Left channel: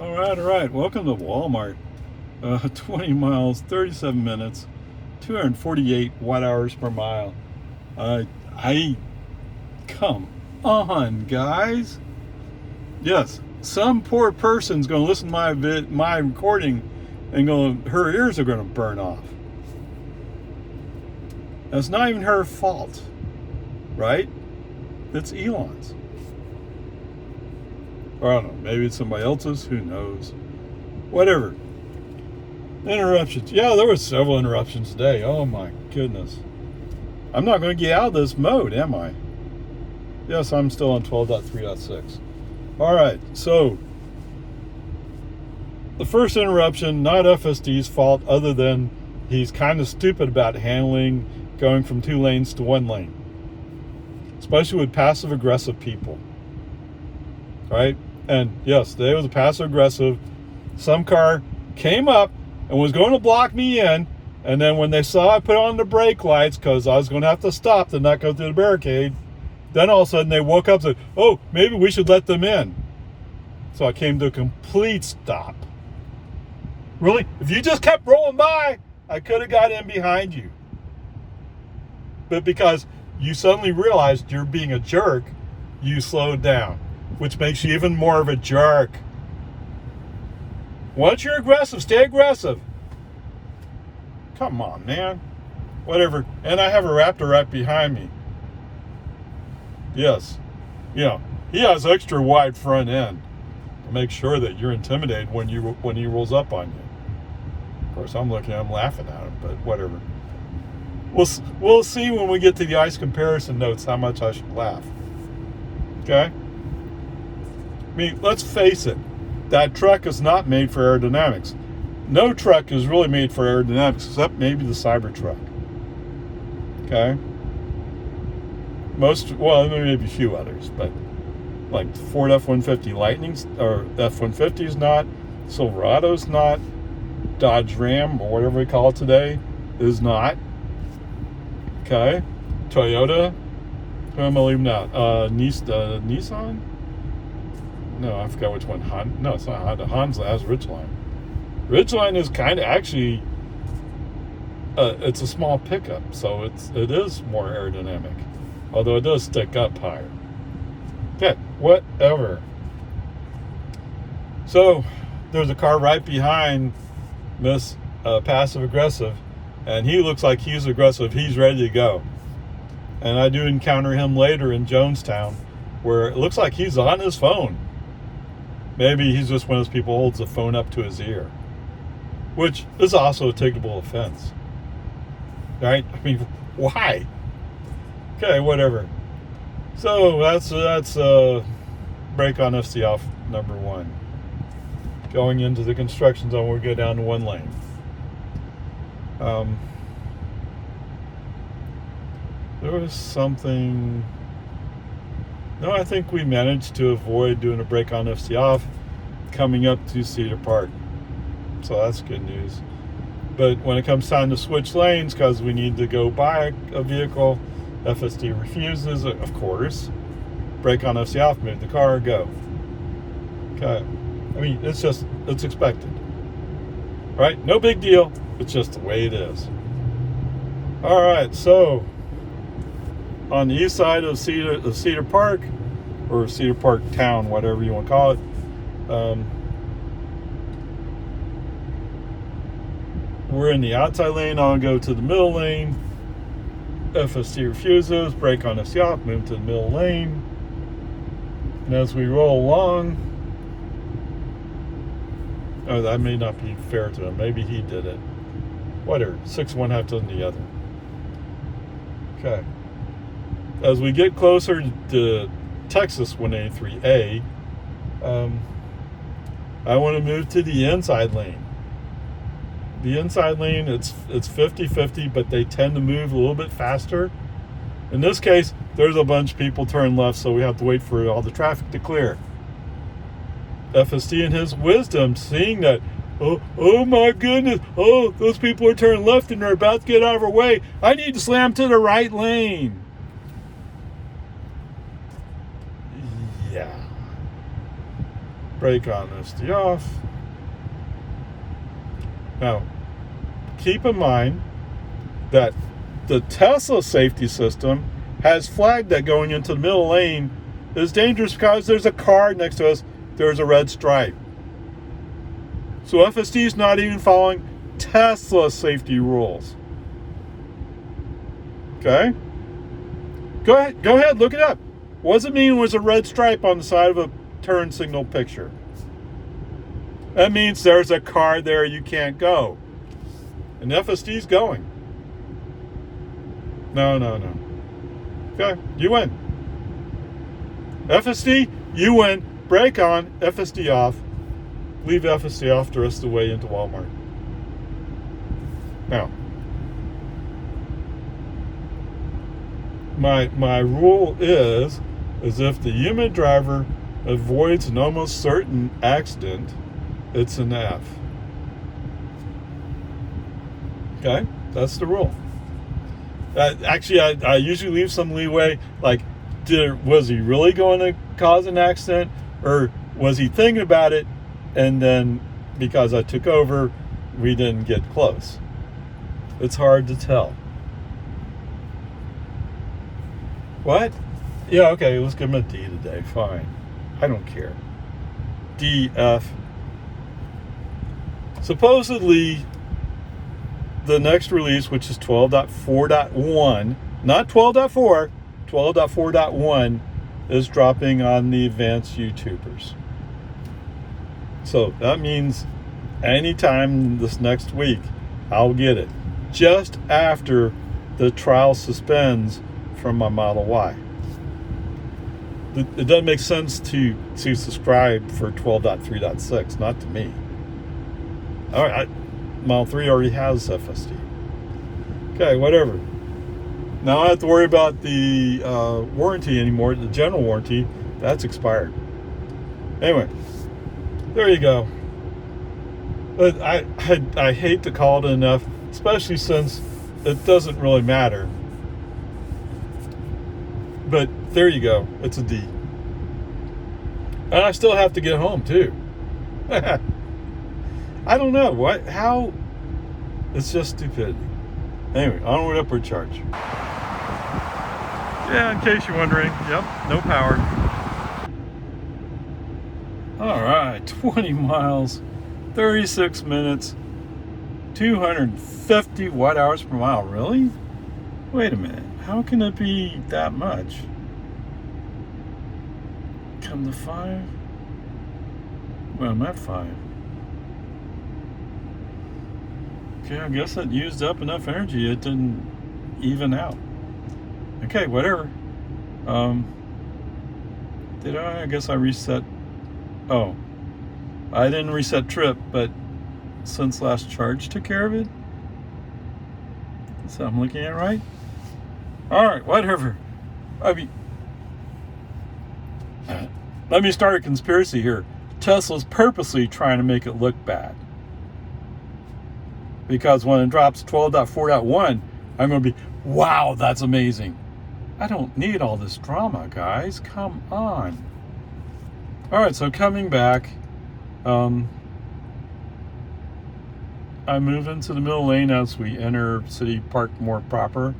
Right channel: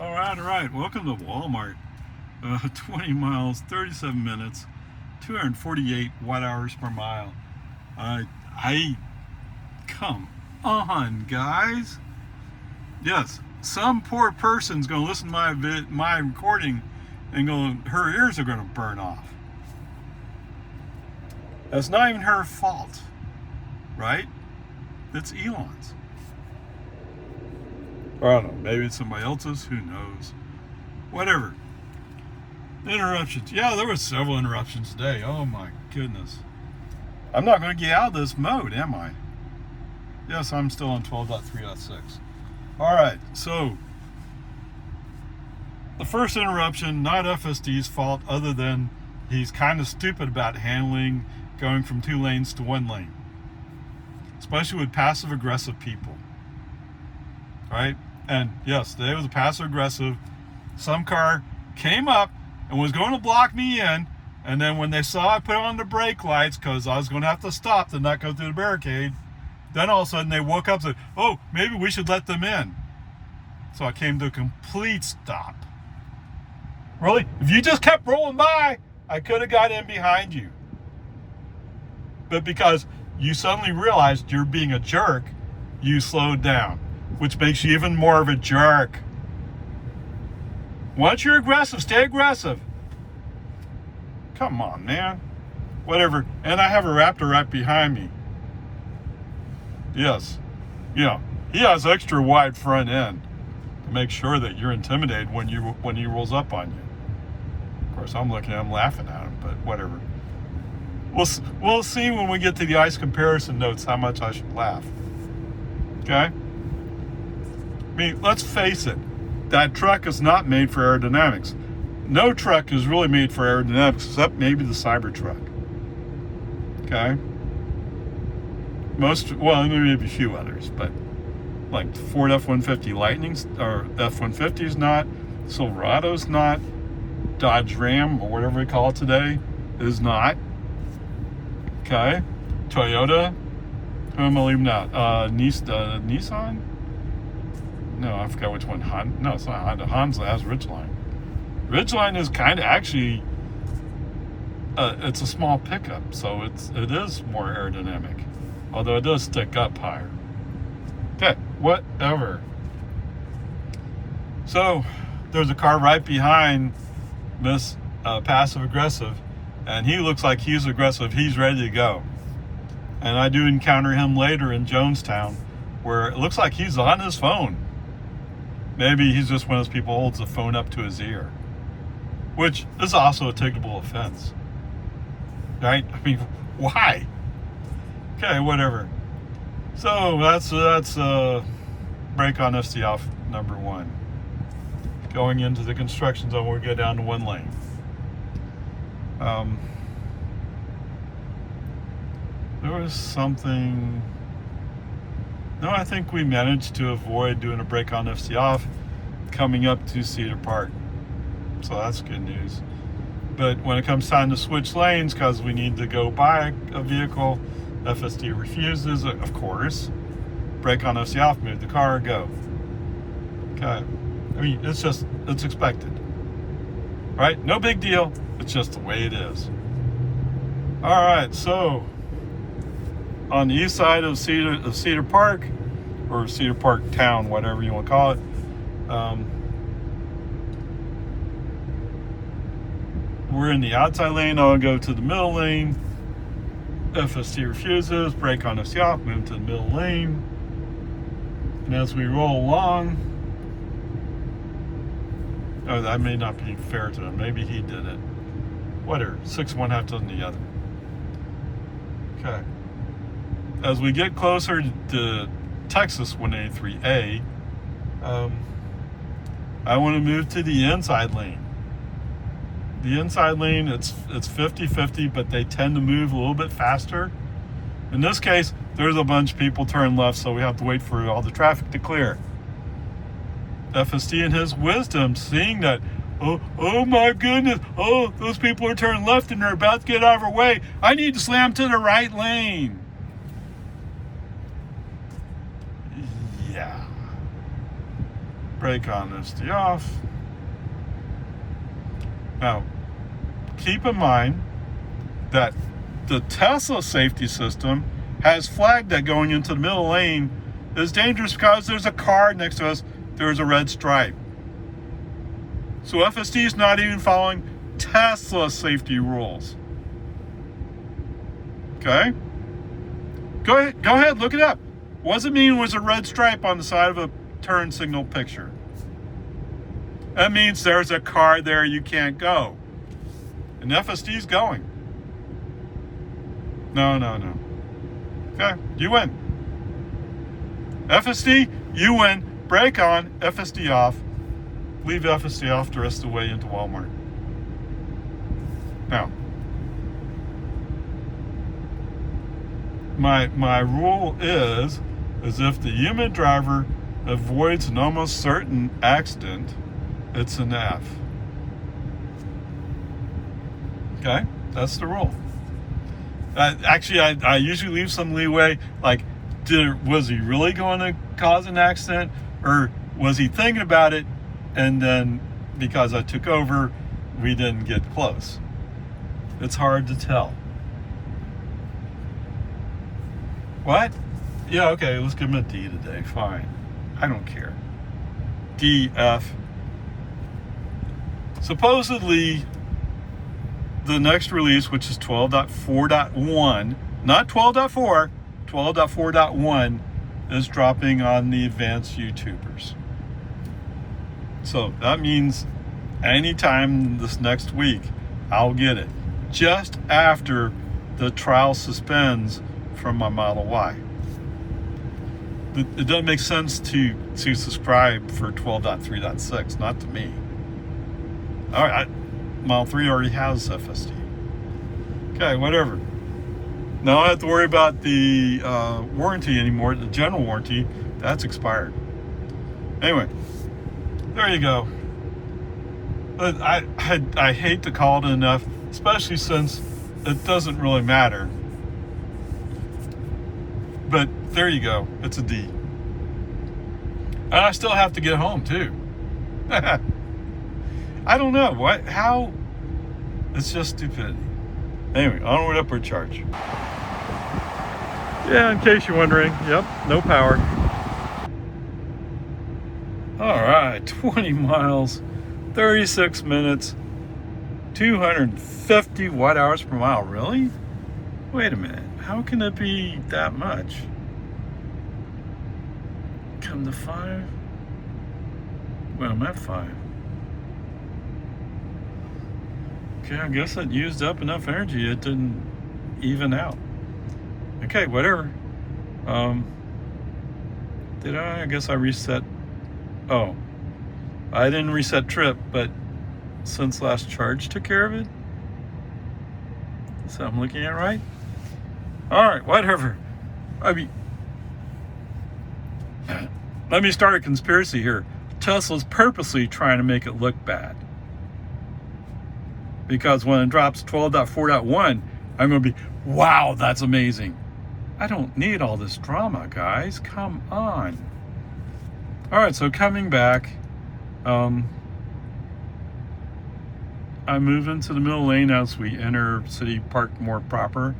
All right. Welcome to Walmart. 20 miles, 37 minutes, 248 watt-hours per mile. I come on, guys. Yes, some poor person's going to listen to my recording and her ears are going to burn off. That's not even her fault, right? It's Elon's. Or I don't know, maybe it's somebody else's, who knows. Whatever. Interruptions. Yeah, there were several interruptions today. Oh my goodness. I'm not going to get out of this mode, am I? Yes, I'm still on 12.3.6. All right, so the first interruption, not FSD's fault, other than he's kind of stupid about handling going from 2 lanes to 1 lane, especially with passive-aggressive people, right? And yes, they was a passive-aggressive. Some car came up and was going to block me in, and then when they saw I put on the brake lights, because I was going to have to stop to not go through the barricade, then all of a sudden they woke up and said, oh, maybe we should let them in. So I came to a complete stop. Really? If you just kept rolling by, I could have got in behind you. But because you suddenly realized you're being a jerk, you slowed down, which makes you even more of a jerk. Once you're aggressive, stay aggressive. Come on, man. Whatever. And I have a Raptor right behind me. Yes. You know, he has extra wide front end to make sure that you're intimidated when he rolls up on you. Of course, I'm laughing at him, but whatever. We'll see when we get to the ICE comparison notes how much I should laugh. Okay? I mean, let's face it. That truck is not made for aerodynamics. No truck is really made for aerodynamics except maybe the Cybertruck. Okay? Maybe a few others, but like Ford F-150 Lightnings or F-150's not, Silverado's not, Dodge Ram or whatever we call it today is not. Okay? Toyota, who am I leaving out? Nissan? No, I forgot which one. No, it's not Honda. Honda has Ridgeline. Ridgeline is kind of actually, it's a small pickup, so it is more aerodynamic, although it does stick up higher. Okay, whatever. So there's a car right behind this passive aggressive, and he looks like he's aggressive. He's ready to go. And I do encounter him later in Jonestown, where it looks like he's on his phone. Maybe he's just one of those people who holds the phone up to his ear, which is also a ticketable offense, right? I mean, why? Okay, whatever. So that's brake on FSD off number 1. Going into the construction zone, we'll get down to 1 lane. There was something. No, I think we managed to avoid doing a brake on FSD off coming up to Cedar Park. So that's good news. But when it comes time to switch lanes, because we need to go by a vehicle, FSD refuses, of course. Brake on FSD off, move the car, go. Okay. I mean, it's expected. Right? No big deal. It's just the way it is. All right, so on the east side of Cedar Park, or Cedar Park Town, whatever you want to call it, we're in the outside lane. I'll go to the middle lane. FSD refuses. Brake on FSD off. Move to the middle lane. And as we roll along, oh, that may not be fair to him. Maybe he did it. Whatever. 6 one half dozen the other. Okay. As we get closer to Texas 183A, I want to move to the inside lane. The inside lane, it's 50-50, but they tend to move a little bit faster. In this case, there's a bunch of people turn left, so we have to wait for all the traffic to clear. FSD in his wisdom, seeing that, oh my goodness, oh, those people are turning left and they're about to get out of our way. I need to slam to the right lane. Yeah. brake on, FSD off. Now, keep in mind that the Tesla safety system has flagged that going into the middle lane is dangerous because there's a car next to us, there's a red stripe. So FSD is not even following Tesla safety rules. Okay? Go ahead, look it up. What does it mean was a red stripe on the side of a turn signal picture? That means there's a car there, you can't go. And FSD's going. No. Okay, you win. FSD, you win. Brake on, FSD off. Leave FSD off the rest of the way into Walmart. Now, my rule is if the human driver avoids an almost certain accident, it's an F. Okay, that's the rule. Actually, I usually leave some leeway, like, was he really going to cause an accident, or was he thinking about it, and then because I took over, we didn't get close? It's hard to tell. What? Yeah, okay, let's give him a D today. Fine. I don't care. D, F. Supposedly, the next release, which is 12.4.1, not 12.4, 12.4.1, is dropping on the advanced YouTubers. So that means anytime this next week, I'll get it. Just after the trial suspends from my Model Y. It doesn't make sense to subscribe for 12.3.6, not to me. All right, Model 3 already has FSD. Okay, whatever. Now I don't have to worry about the warranty anymore, the general warranty. That's expired. Anyway, there you go. But I hate to call it enough, especially since it doesn't really matter. But there you go. It's a D. And I still have to get home too. I don't know how. It's just stupid. Anyway, onward, upward charge. Yeah, in case you're wondering, yep, no power. All right, 20 miles, 36 minutes, 250 watt hours per mile. Really? Wait a minute. How can it be that much? Come to 5? Well, I'm at 5. Okay, I guess it used up enough energy. It didn't even out. Okay, whatever. Did I? I guess I reset. Oh, I didn't reset trip, but since last charge took care of it. So I'm looking at right. All right, whatever. I mean, let me start a conspiracy here. Tesla's purposely trying to make it look bad. Because when it drops 12.4.1, I'm going to be, wow, that's amazing. I don't need all this drama, guys. Come on. All right, so coming back, I move into the middle lane as we enter City Park more proper.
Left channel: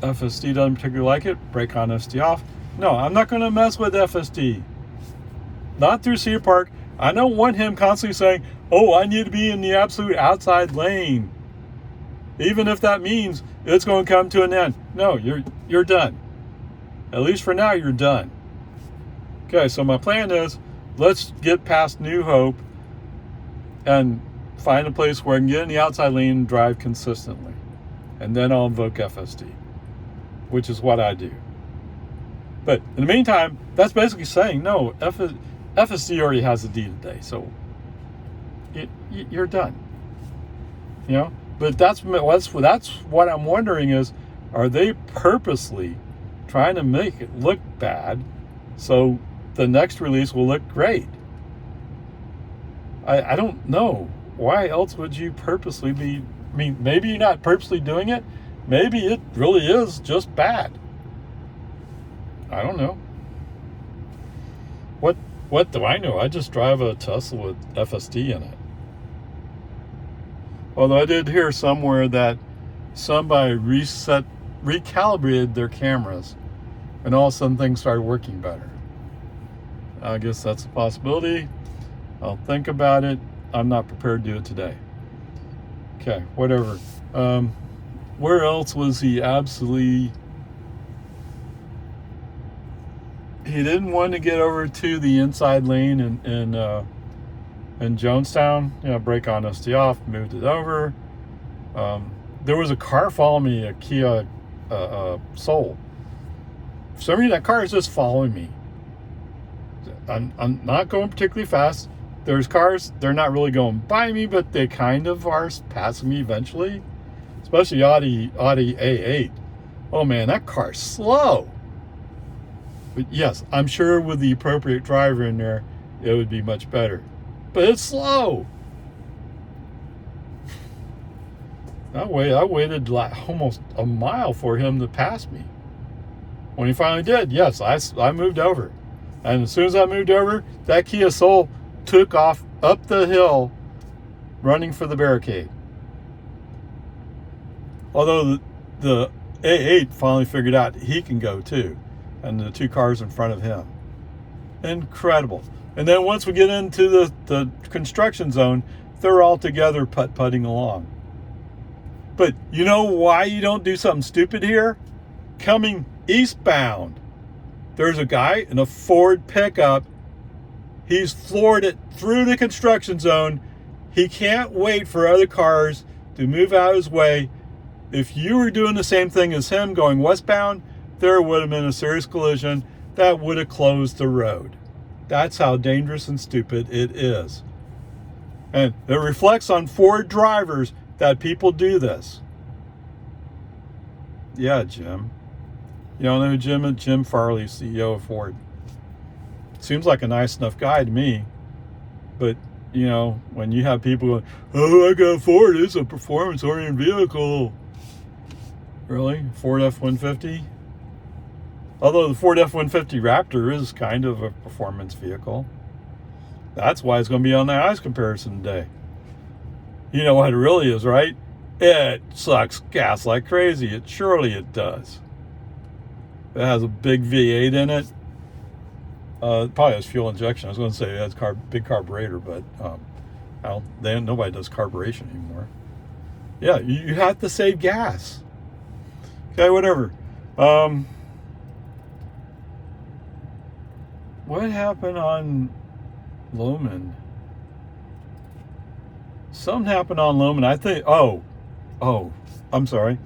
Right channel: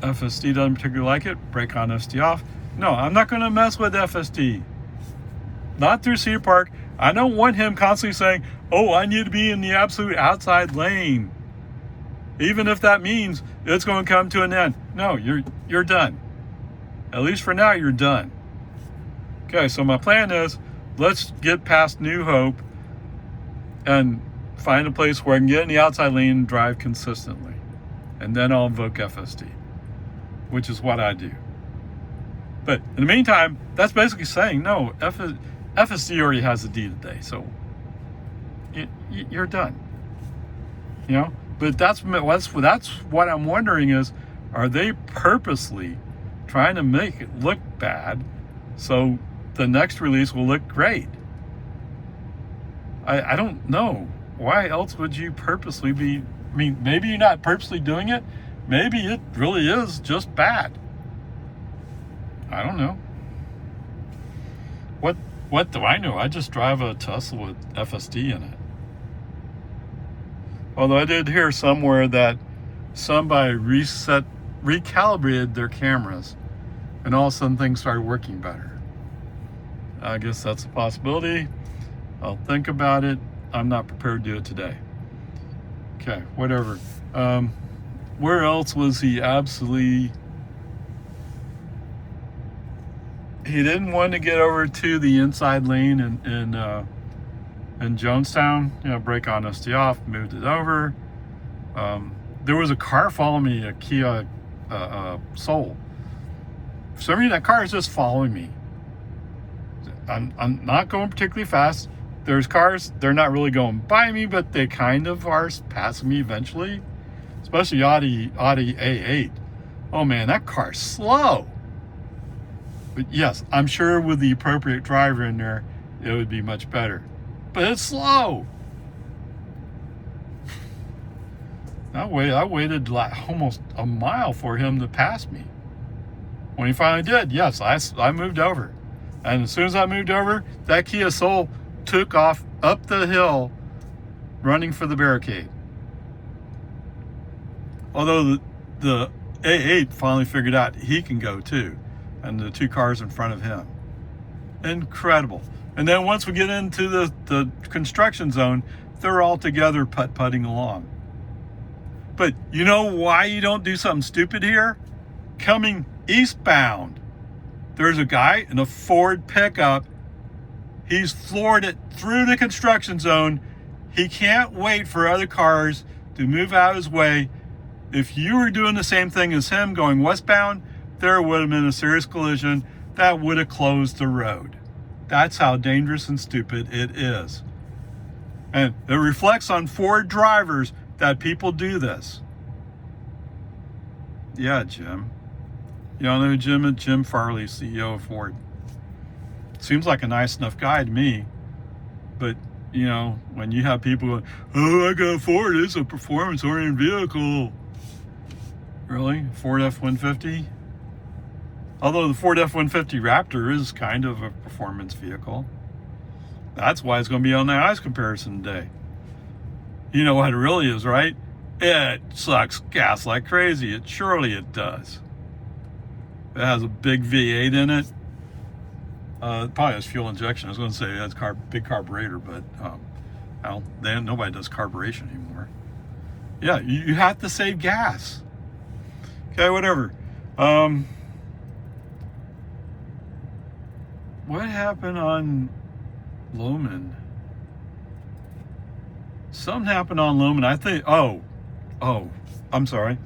FSD doesn't particularly like it. Brake on, FSD off. No, I'm not going to mess with FSD. Not through Cedar Park. I don't want him constantly saying, oh, I need to be in the absolute outside lane. Even if that means it's going to come to an end. No, you're done. At least for now, you're done. Okay, so my plan is, let's get past New Hope and find a place where I can get in the outside lane and drive consistently. And then I'll invoke FSD, which is what I do. But in the meantime, that's basically saying, no, FSD already has a D today, so you're done. You know? But that's what I'm wondering is, are they purposely trying to make it look bad so the next release will look great? I don't know. Why else would you purposely be, I mean, maybe you're not purposely doing it. Maybe it really is just bad. I don't know. What do I know? I just drive a Tesla with FSD in it. Although I did hear somewhere that somebody recalibrated their cameras, and all of a sudden things started working better. I guess that's a possibility. I'll think about it. I'm not prepared to do it today. Okay, whatever. Where else was he absolutely... He didn't want to get over to the inside lane in Jonestown. You know, brake honesty off, moved it over. There was a car following me, a Kia Soul. For some reason, that car is just following me. I'm not going particularly fast. There's cars, they're not really going by me, but they kind of are passing me eventually. Especially Audi A8. Oh man, that car's slow. But yes, I'm sure with the appropriate driver in there, it would be much better. But it's slow. I waited like almost a mile for him to pass me. When he finally did, yes, I moved over. And as soon as I moved over, that Kia Soul took off up the hill, running for the barricade. Although the A8 finally figured out he can go too, and the two cars in front of him. Incredible. And then once we get into the construction zone, they're all together putt-putting along. But you know why you don't do something stupid here? Coming eastbound, there's a guy in a Ford pickup. He's floored it through the construction zone. He can't wait for other cars to move out of his way. If you were doing the same thing as him going westbound, there would have been a serious collision that would have closed the road. That's how dangerous and stupid it is. And it reflects on Ford drivers that people do this. Yeah, Jim. You don't know who Jim is? Jim Farley, CEO of Ford. Seems like a nice enough guy to me. But, you know, when you have people going, oh, I got a Ford, it's a performance-oriented vehicle. Really? Ford F-150? Although the Ford F-150 Raptor is kind of a performance vehicle. That's why it's going to be on the ICE comparison today. You know what it really is, right? It sucks gas like crazy. Surely it does. It has a big V8 in it. It probably has fuel injection. I was going to say it has big carburetor, but nobody does carburation anymore. Yeah, you have to save gas. Okay, whatever. What happened on Loman? Something happened on Loman. I think. Oh, I'm sorry.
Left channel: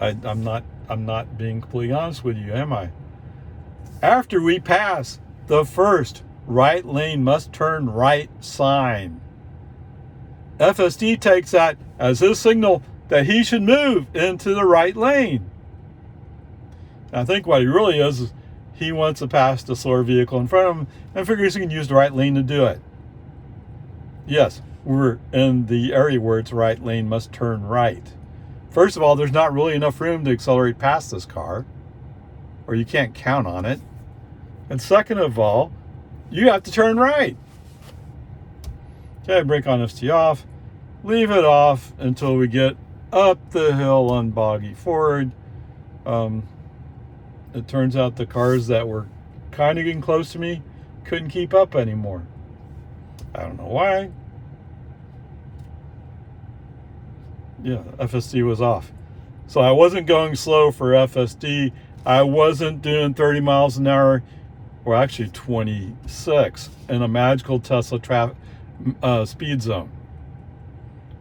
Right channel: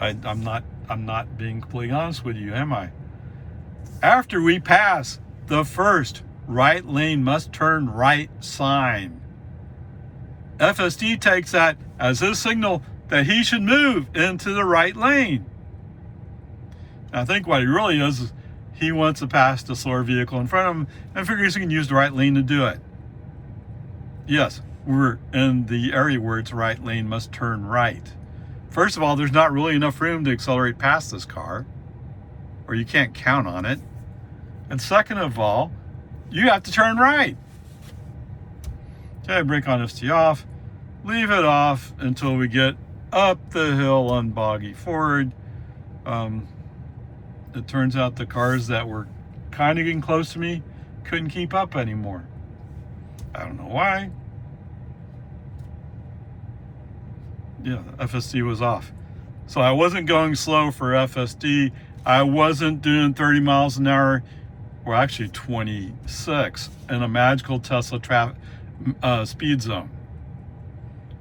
I'm not being completely honest with you, am I? After we pass the first right lane must turn right sign, FSD takes that as his signal that he should move into the right lane. I think what he really is he wants to pass the slower vehicle in front of him and figures he can use the right lane to do it. Yes, we're in the area where it's right lane must turn right. First of all, there's not really enough room to accelerate past this car, or you can't count on it. And second of all, you have to turn right. Okay, brake on FT off. Leave it off until we get up the hill on Boggy Ford. It turns out the cars that were kind of getting close to me couldn't keep up anymore. I don't know why. Yeah, FSD was off. So I wasn't going slow for FSD. I wasn't doing 30 miles an hour, or actually 26, in a magical Tesla speed zone,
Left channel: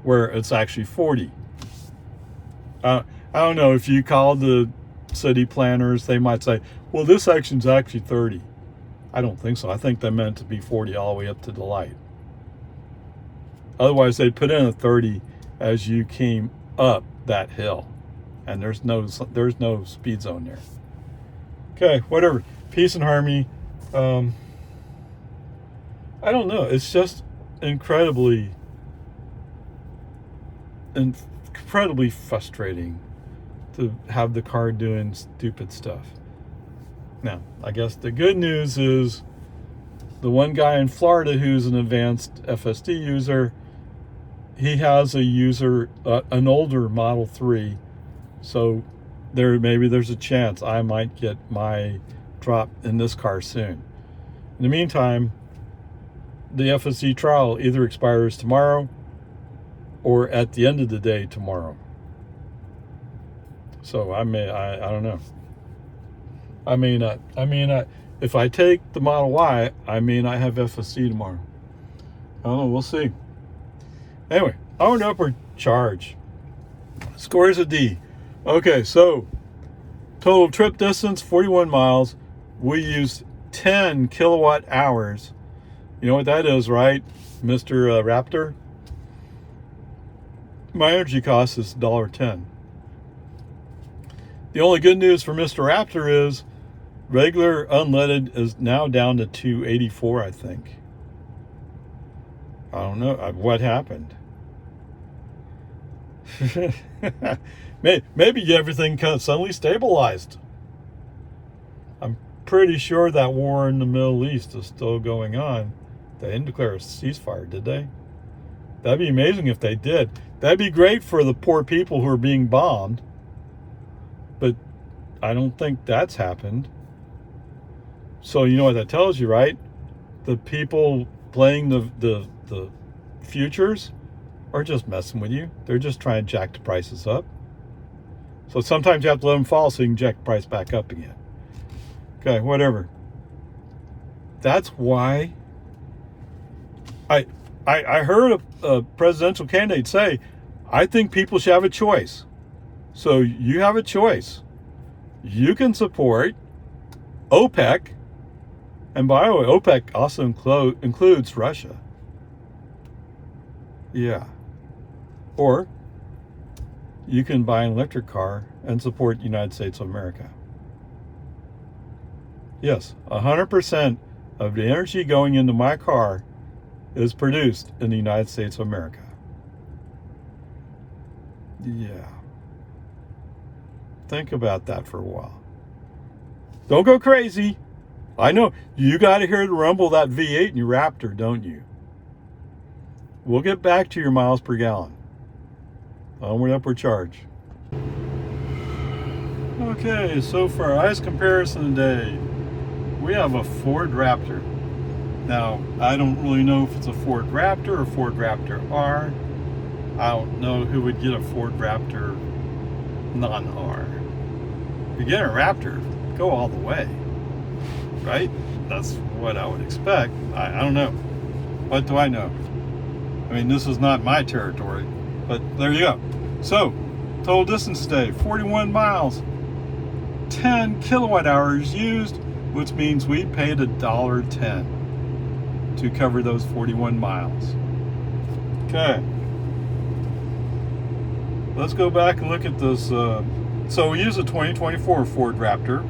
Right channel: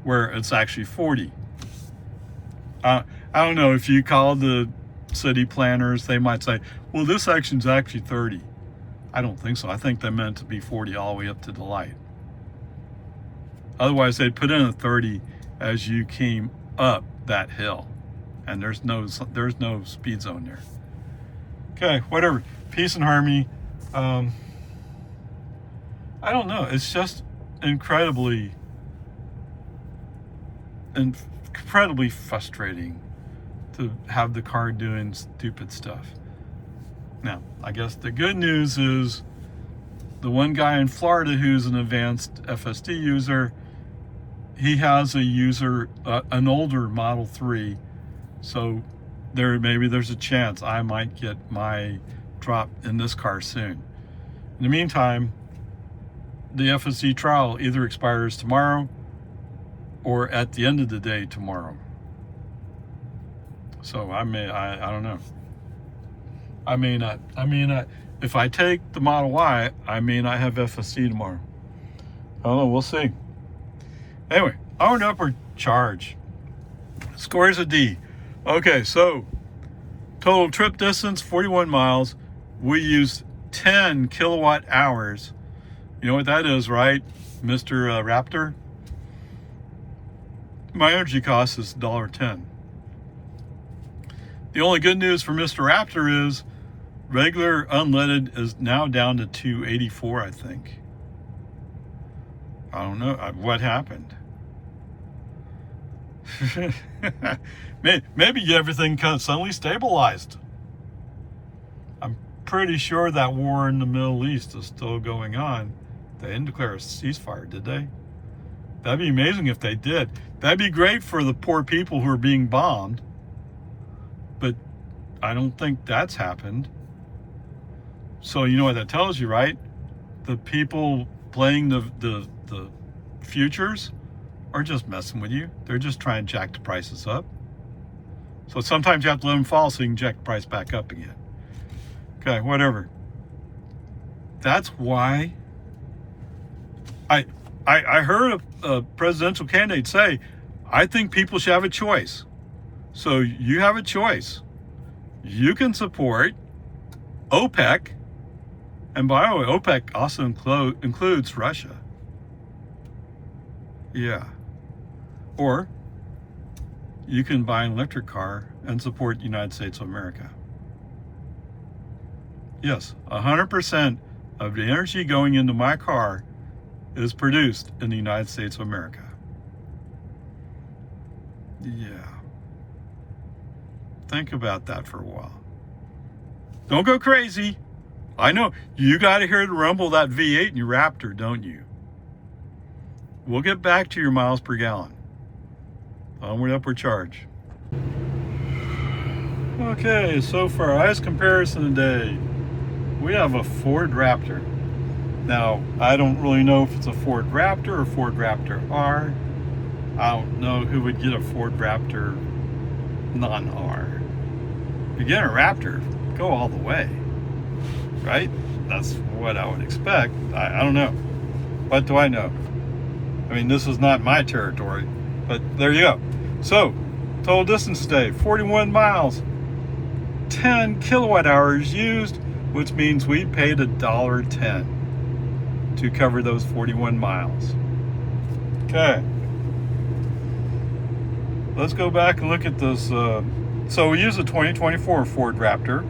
where it's actually 40. I don't know, if you call the city planners, they might say, well, this section's actually 30. I don't think so. I think they meant to be 40 all the way up to the light. Otherwise, they'd put in a 30 as you came up that hill, and there's no speed zone there. Okay, whatever. Peace and harmony. I don't know. It's just incredibly frustrating to have the car doing stupid stuff. Now, I guess the good news is the one guy in Florida who's an advanced FSD user, he has an older Model 3, so maybe there's a chance I might get my drop in this car soon. In the meantime, the FSD trial either expires tomorrow or at the end of the day tomorrow. So I don't know. I may not. If I take the Model Y, I may not have FSD tomorrow. I don't know, we'll see. Anyway, onward upward charge. Scores a D. Okay, so total trip distance 41 miles. We used 10 kilowatt hours. You know what that is, right, Mr. Raptor? My energy cost is $1.10. The only good news for Mr. Raptor is regular unleaded is now down to $2.84, I think. I don't know what happened. Maybe everything kind of suddenly stabilized. I'm pretty sure that war in the Middle East is still going on. They didn't declare a ceasefire, did they? That'd be amazing if they did. That'd be great for the poor people who are being bombed. But I don't think that's happened. So you know what that tells you, right? The people playing the futures are just messing with you. They're just trying to jack the prices up. So sometimes you have to let them fall so you can jack the price back up again. Okay, whatever. That's why I heard a presidential candidate say, I think people should have a choice. So you have a choice. You can support OPEC, and by the way, OPEC also includes Russia. Yeah. Or you can buy an electric car and support the United States of America. Yes, 100% of the energy going into my car is produced in the United States of America. Yeah. Think about that for a while. Don't go crazy. I know you got to hear the rumble of that V8 in your Raptor, don't you? We'll get back to your miles per gallon. Onward upward charge. Okay, so for our ice comparison today, we have a Ford Raptor. Now, I don't really know if it's a Ford Raptor or Ford Raptor R. I don't know who would get a Ford Raptor non-R. If you get a Raptor, go all the way, right? That's what I would expect. I don't know. What do I know? I mean, this is not my territory, but there you go. So, total distance today, 41 miles, 10 kilowatt hours used, which means we paid $1.10 to cover those 41 miles. Okay. Let's go back and look at this. So we use a 2024 Ford Raptor.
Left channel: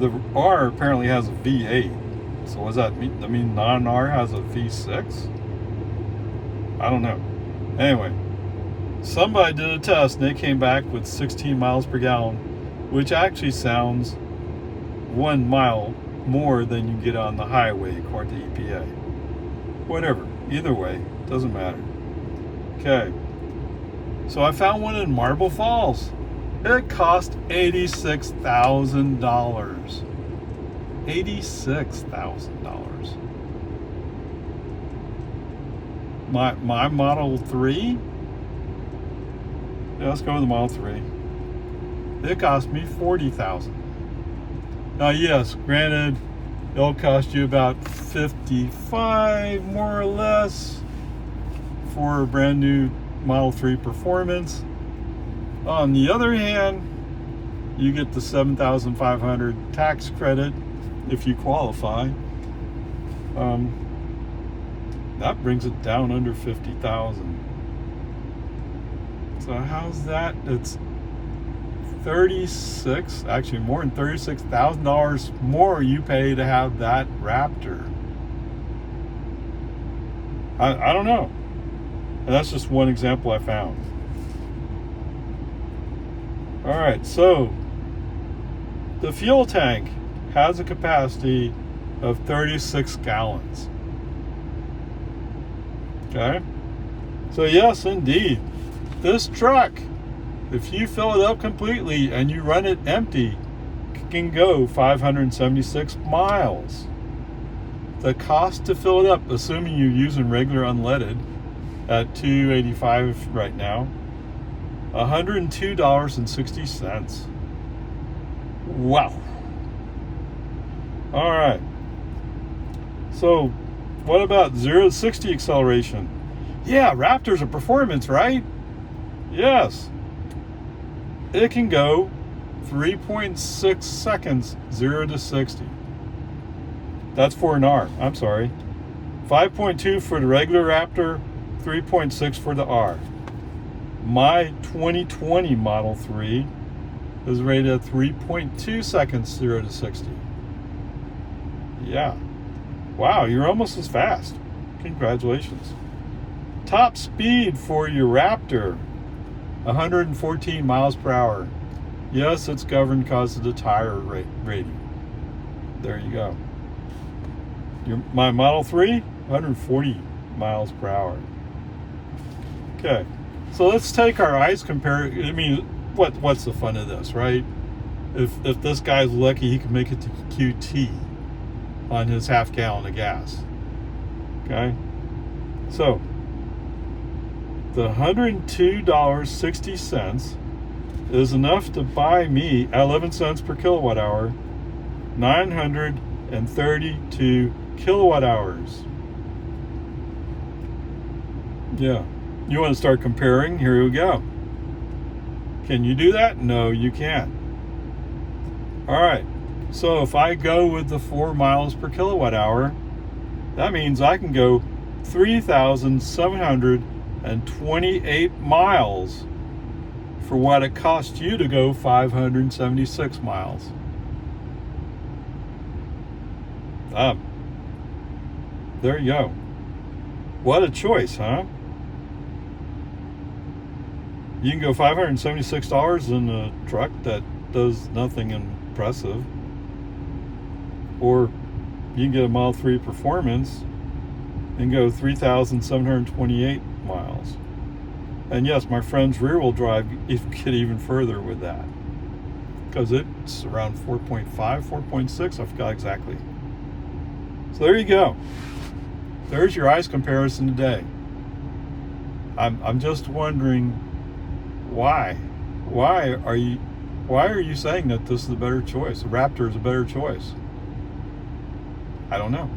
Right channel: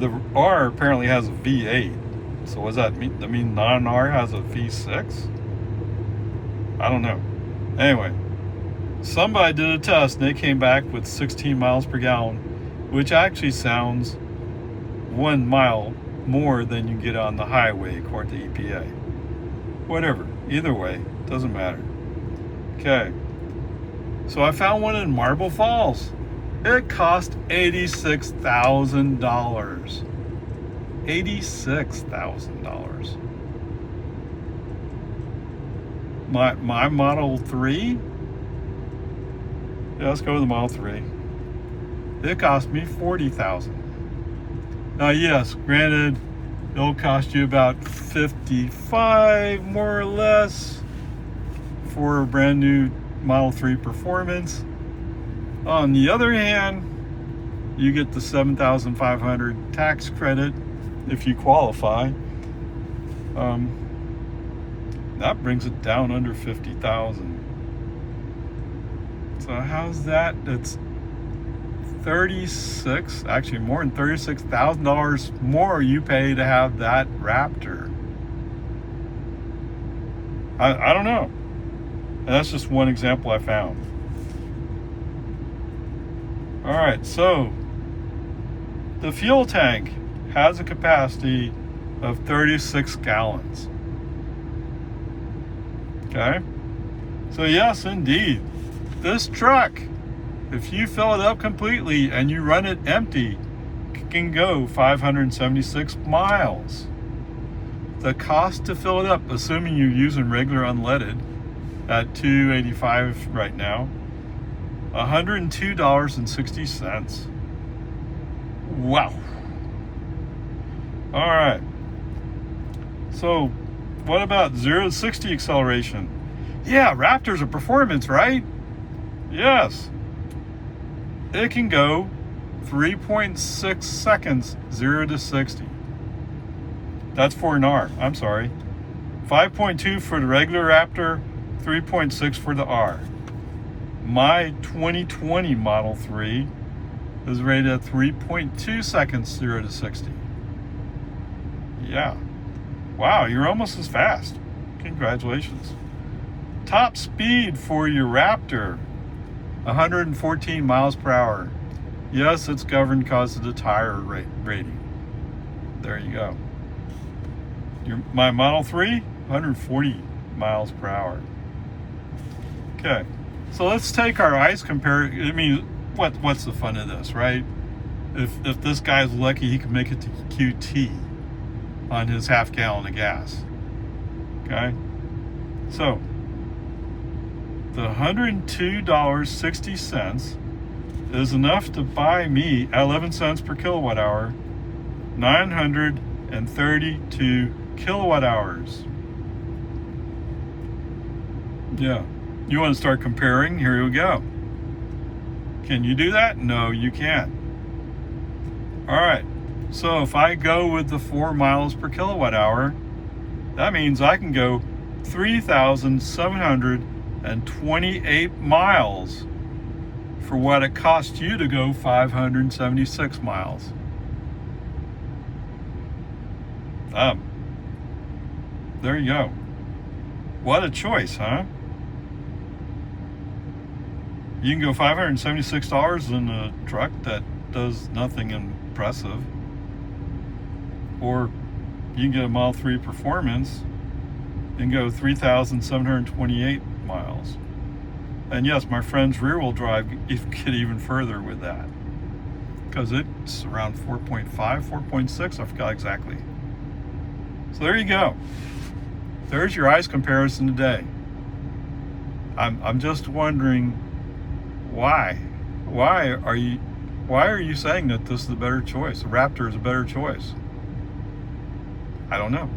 The R apparently has a V8. So what does that mean? I mean, non-R has a V6? I don't know. Anyway, somebody did a test and they came back with 16 miles per gallon, which actually sounds 1 mile more than you get on the highway according to EPA. Whatever. Either way, doesn't matter. Okay. So I found one in Marble Falls. It cost $86,000. $86,000. My Model 3? Yeah, let's go with the Model 3. It cost me $40,000. Now, yes, granted, it'll cost you about $55 more or less for a brand new Model 3 Performance. On the other hand, you get the $7,500 tax credit if you qualify. That brings it down under $50,000. So how's that? It's actually more than $36,000 more you pay to have that Raptor. I don't know. And that's just one example I found. All right, so The fuel tank has a capacity of 36 gallons. Okay? So yes, indeed, this truck, if you fill it up completely and you run it empty, can go 576 miles. The cost to fill it up, assuming you're using regular unleaded at $2.85 right now, $102.60. Wow. All right. So what about 0 to 60 acceleration? Yeah, Raptor's a performance, right? Yes. It can go 3.6 seconds, 0 to 60. That's for an R. I'm sorry. 5.2 for the regular Raptor, 3.6 for the R. My 2020 Model 3 is rated at 3.2 seconds, 0 to 60. Yeah. Wow, you're almost as fast. Congratulations. Top speed for your Raptor, 114 miles per hour. Yes, it's governed because of the tire rating. There you go. My Model 3, 140 miles per hour. Okay, so let's take our ice comparison. I mean, what's the fun of this, right? If this guy's lucky, he can make it to QT on his half gallon of gas. Okay, so the $102.60 is enough to buy me at 11 cents per kilowatt hour, 932 kilowatt hours. Yeah. You want to start comparing? Here we go. Can you do that? No, you can't. All right. So if I go with the 4 miles per kilowatt hour, that means I can go 3,728 miles for what it cost you to go 576 miles. There you go. What a choice, huh? You can go $576 in a truck that does nothing impressive. Or you can get a Model 3 Performance and go 3,728 miles. And yes, my friend's rear-wheel drive, you get even further with that. Because it's around 4.5, 4.6, I forgot exactly. So there you go. There's your ICE comparison today. I'm just wondering why are you saying that this is a better choice? The Raptor is a better choice. I don't know.